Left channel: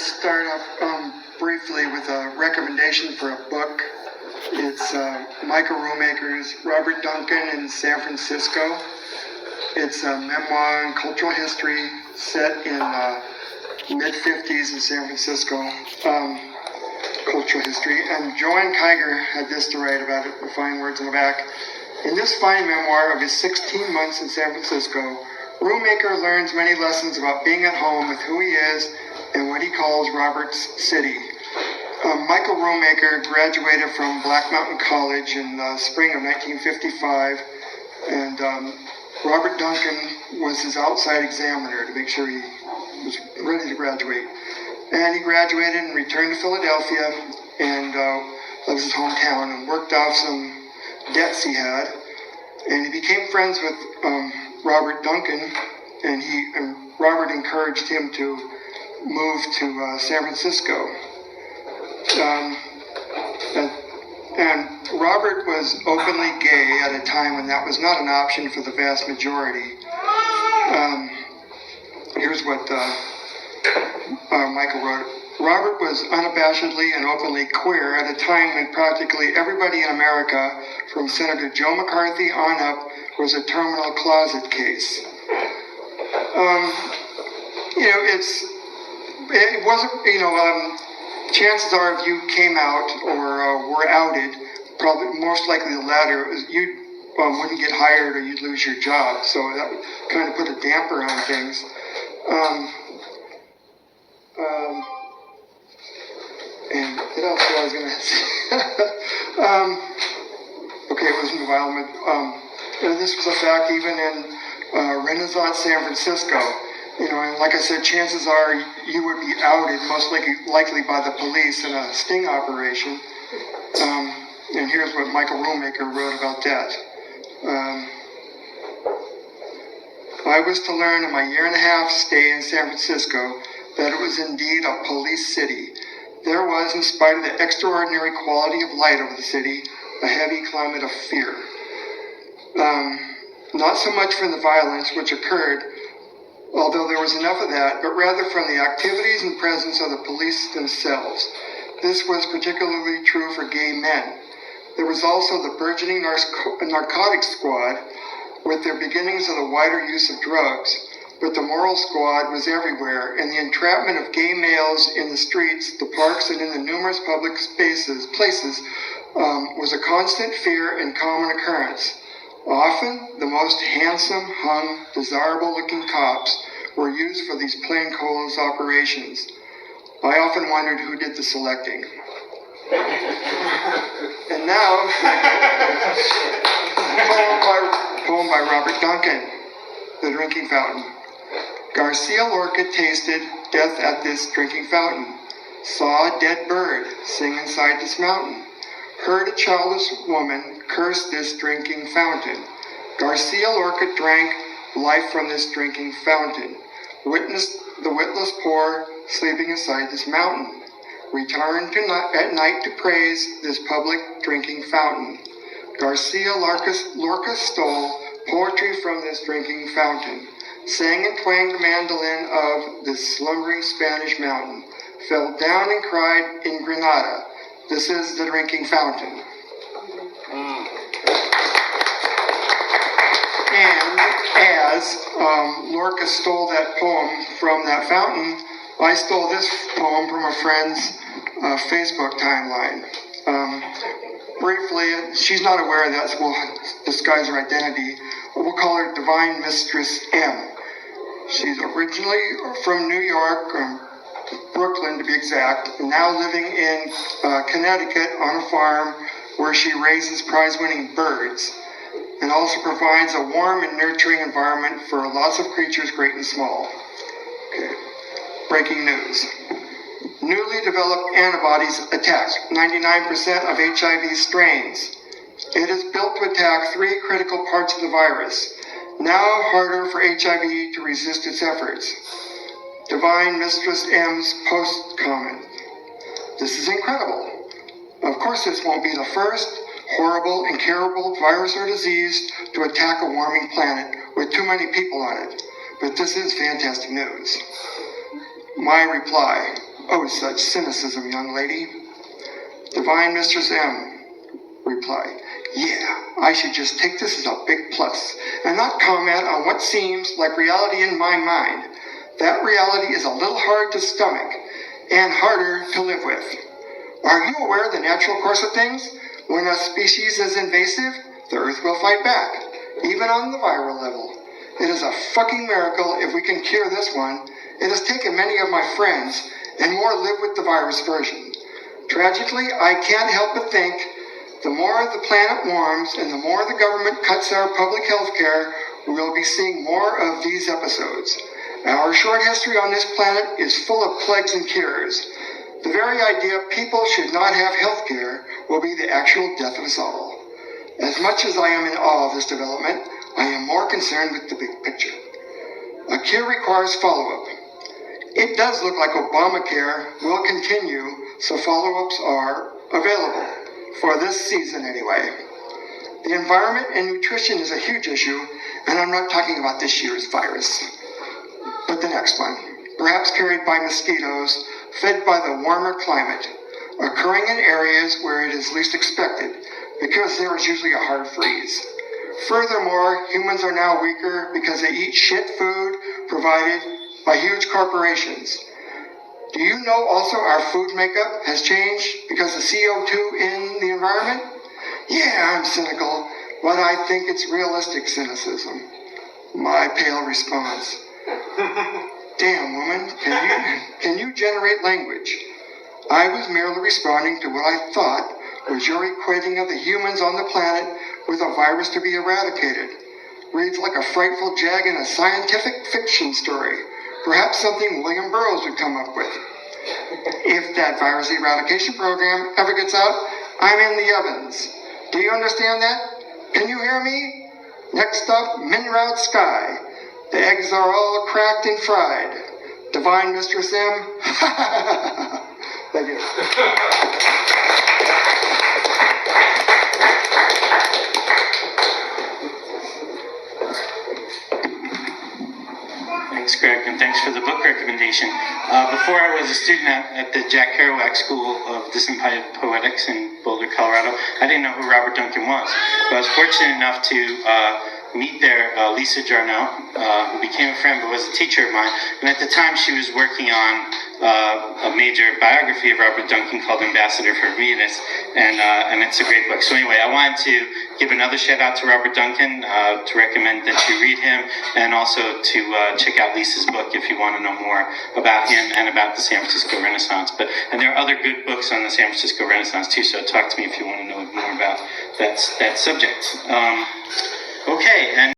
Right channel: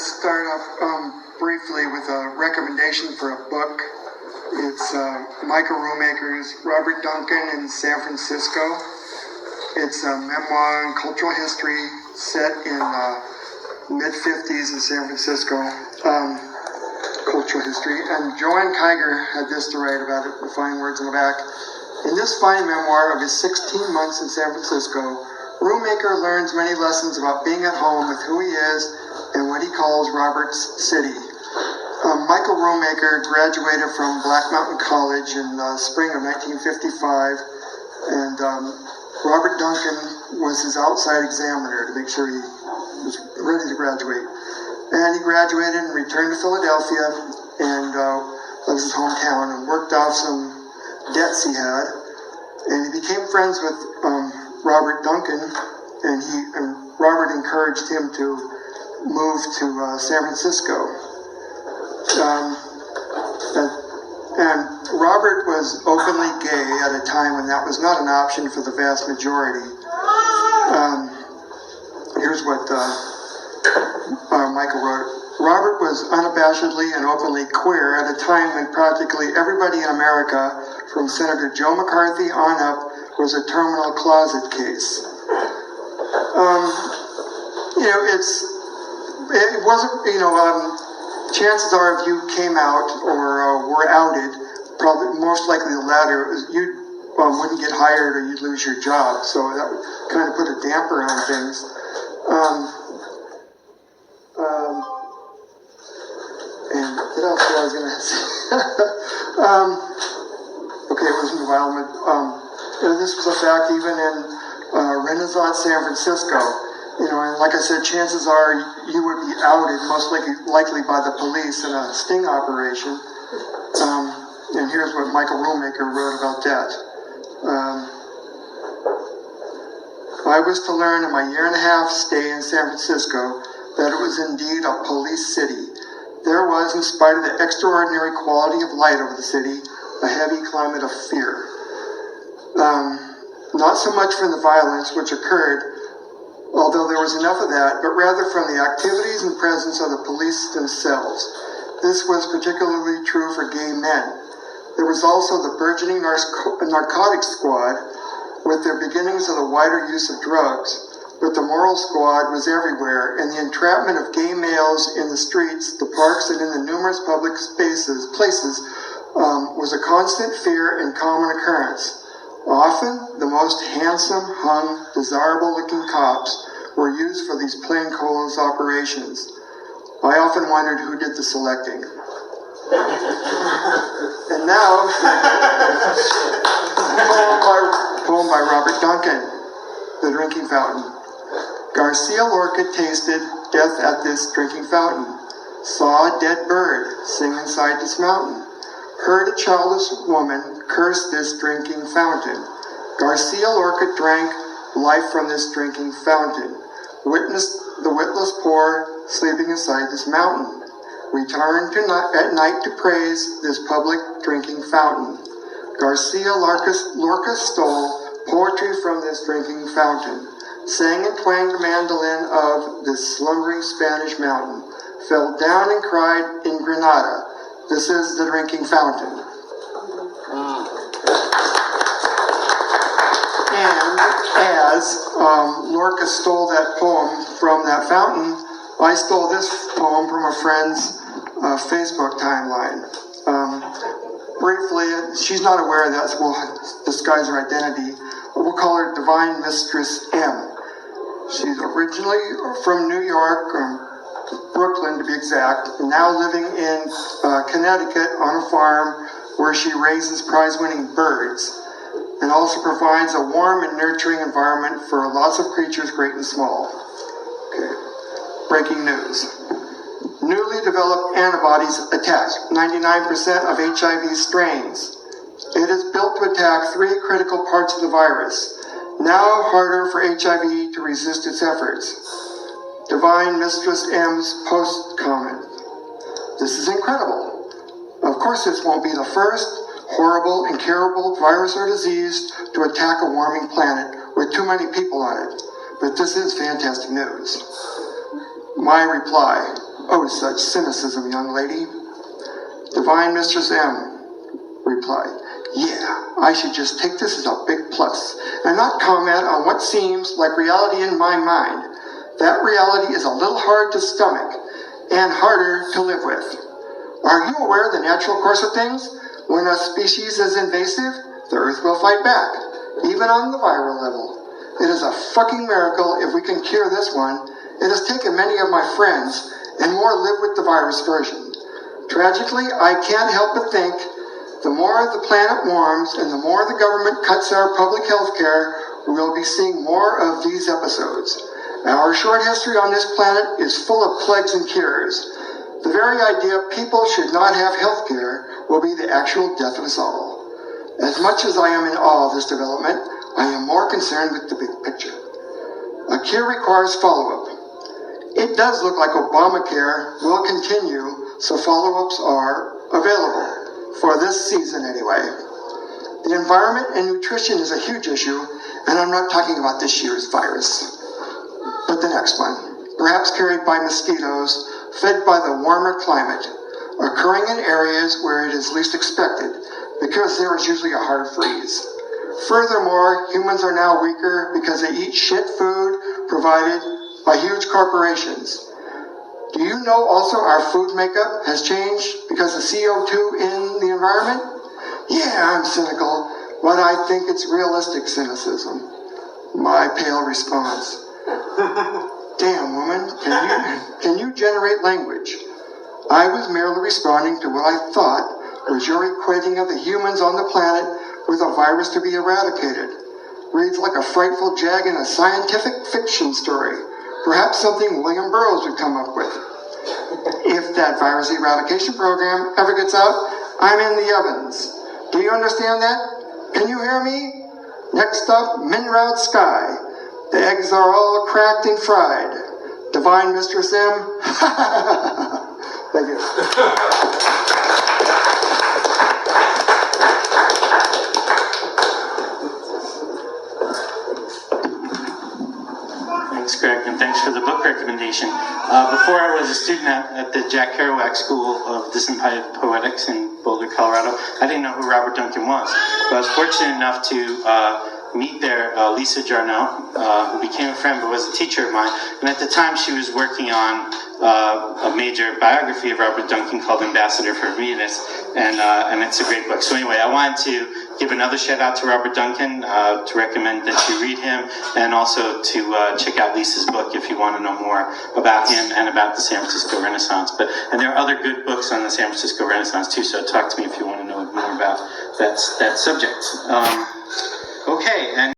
to start off briefly with a recommendation for a book. It's Michael Roommaker's Robert Duncan in San Francisco. It's a memoir and cultural history set in mid-50s in San Francisco. Cultural history. And Joanne Kiger had this to write about it, the fine words in the back. In this fine memoir of his 16 months in San Francisco, Roommaker learns many lessons about being at home with who he is and what he calls Robert's city. Michael Roommaker graduated from Black Mountain College in the spring of 1955, and Robert Duncan was his outside examiner to make sure he was ready to graduate. And he graduated and returned to Philadelphia, and that was his hometown, and worked off some debts he had. And he became friends with Robert Duncan, and Robert encouraged him to move to San Francisco. And Robert was openly gay at a time when that was not an option for the vast majority. Here's what Michael wrote. Robert was unabashedly and openly queer at a time when practically everybody in America, from Senator Joe McCarthy on up, was a terminal closet case. It wasn't, chances are if you came out or were outed, probably most likely the latter, you wouldn't get hired or you'd lose your job. So that would kind of put a damper on things. And what else was I was going to say? Okay, it wasn't a while, but this was a fact even in Renaissance San Francisco. And like I said, chances are you would be outed, most likely by the police in a sting operation. And here's what Michael Roommaker wrote about that. I was to learn in my year-and-a-half stay in San Francisco that it was indeed a police city. There was, in spite of the extraordinary quality of light over the city, a heavy climate of fear. Not so much from the violence which occurred, although there was enough of that, but rather from the activities and presence of the police themselves. This was particularly true for gay men. There was also the burgeoning narcotics squad, with their beginnings of the wider use of drugs, but the moral squad was everywhere, and the entrapment of gay males in the streets, the parks, and in the numerous public places was a constant fear and common occurrence. Often, the most handsome, hung, desirable-looking cops were used for these plainclothes operations. I often wondered who did the selecting. And now, poem by Robert Duncan, The Drinking Fountain. Garcia Lorca tasted death at this drinking fountain, saw a dead bird sing inside this mountain, heard a childless woman curse this drinking fountain. Garcia Lorca drank life from this drinking fountain, witnessed the witless poor sleeping inside this mountain, returned at night to praise this public drinking fountain. Garcia Lorca stole poetry from this drinking fountain, sang and twanged the mandolin of this slumbering Spanish mountain, fell down and cried in Granada, this is the drinking fountain. And as Lorca stole that poem from that fountain, I stole this poem from a friend's Facebook timeline. Briefly, she's not aware of that, so we'll disguise her identity. We'll call her Divine Mistress M. She's originally from New York, Brooklyn to be exact, and now living in Connecticut on a farm where she raises prize-winning birds and also provides a warm and nurturing environment for lots of creatures great and small. Okay. Breaking news. Newly developed antibodies attack 99% of HIV strains. It is built to attack 3 critical parts of the virus. Now harder for HIV to resist its efforts. Divine Mistress M's post comment. This is incredible. Of course, this won't be the first horrible, incurable virus or disease to attack a warming planet with too many people on it. But this is fantastic news. My reply, Oh, such cynicism, young lady. Divine Mistress M replied, yeah, I should just take this as a big plus and not comment on what seems like reality in my mind. That reality is a little hard to stomach and harder to live with. Are you aware of the natural course of things? When a species is invasive, the Earth will fight back, even on the viral level. It is a fucking miracle if we can cure this one. It has taken many of my friends, and more live with the virus version. Tragically, I can't help but think the more the planet warms and the more the government cuts our public health care, we'll be seeing more of these episodes. Our short history on this planet is full of plagues and cures. The very idea people should not have health care will be the actual death of us all. As much as I am in awe of this development, I am more concerned with the big picture. A cure requires follow-up. It does look like Obamacare will continue, so follow-ups are available, for this season anyway. The environment and nutrition is a huge issue, and I'm not talking about this year's virus, but the next one, perhaps carried by mosquitoes, fed by the warmer climate, occurring in areas where it is least expected, because there is usually a hard freeze. Furthermore, humans are now weaker because they eat shit food provided by huge corporations. Do you know also our food makeup has changed because of CO2 in the environment? Yeah, I'm cynical, but I think it's realistic cynicism. My pale response. Damn, woman, can you generate language? I was merely responding to what I thought was your equating of the humans on the planet with a virus to be eradicated. Reads like a frightful jag in a scientific fiction story. Perhaps something William Burroughs would come up with. If that virus eradication program ever gets out, I'm in the ovens. Do you understand that? Can you hear me? Next up, Minroud Sky. The eggs are all cracked and fried. Divine Mistress M. Thank you. Thanks, Greg, and thanks for the book recommendation. Before I was a student at the Jack Kerouac School of Dissipated Poetics in Boulder, Colorado, I didn't know who Robert Duncan was. But I was fortunate enough to meet there Lisa Jarnell, who became a friend but was a teacher of mine. And at the time, she was working on a major biography of Robert Duncan called Ambassador for Venus, and it's a great book. So anyway, I wanted to give another shout out to Robert Duncan, to recommend that you read him, and also to check out Lisa's book if you want to know more about him and about the San Francisco Renaissance. And there are other good books on the San Francisco Renaissance too, so talk to me if you want to know more about that subject. Okay, and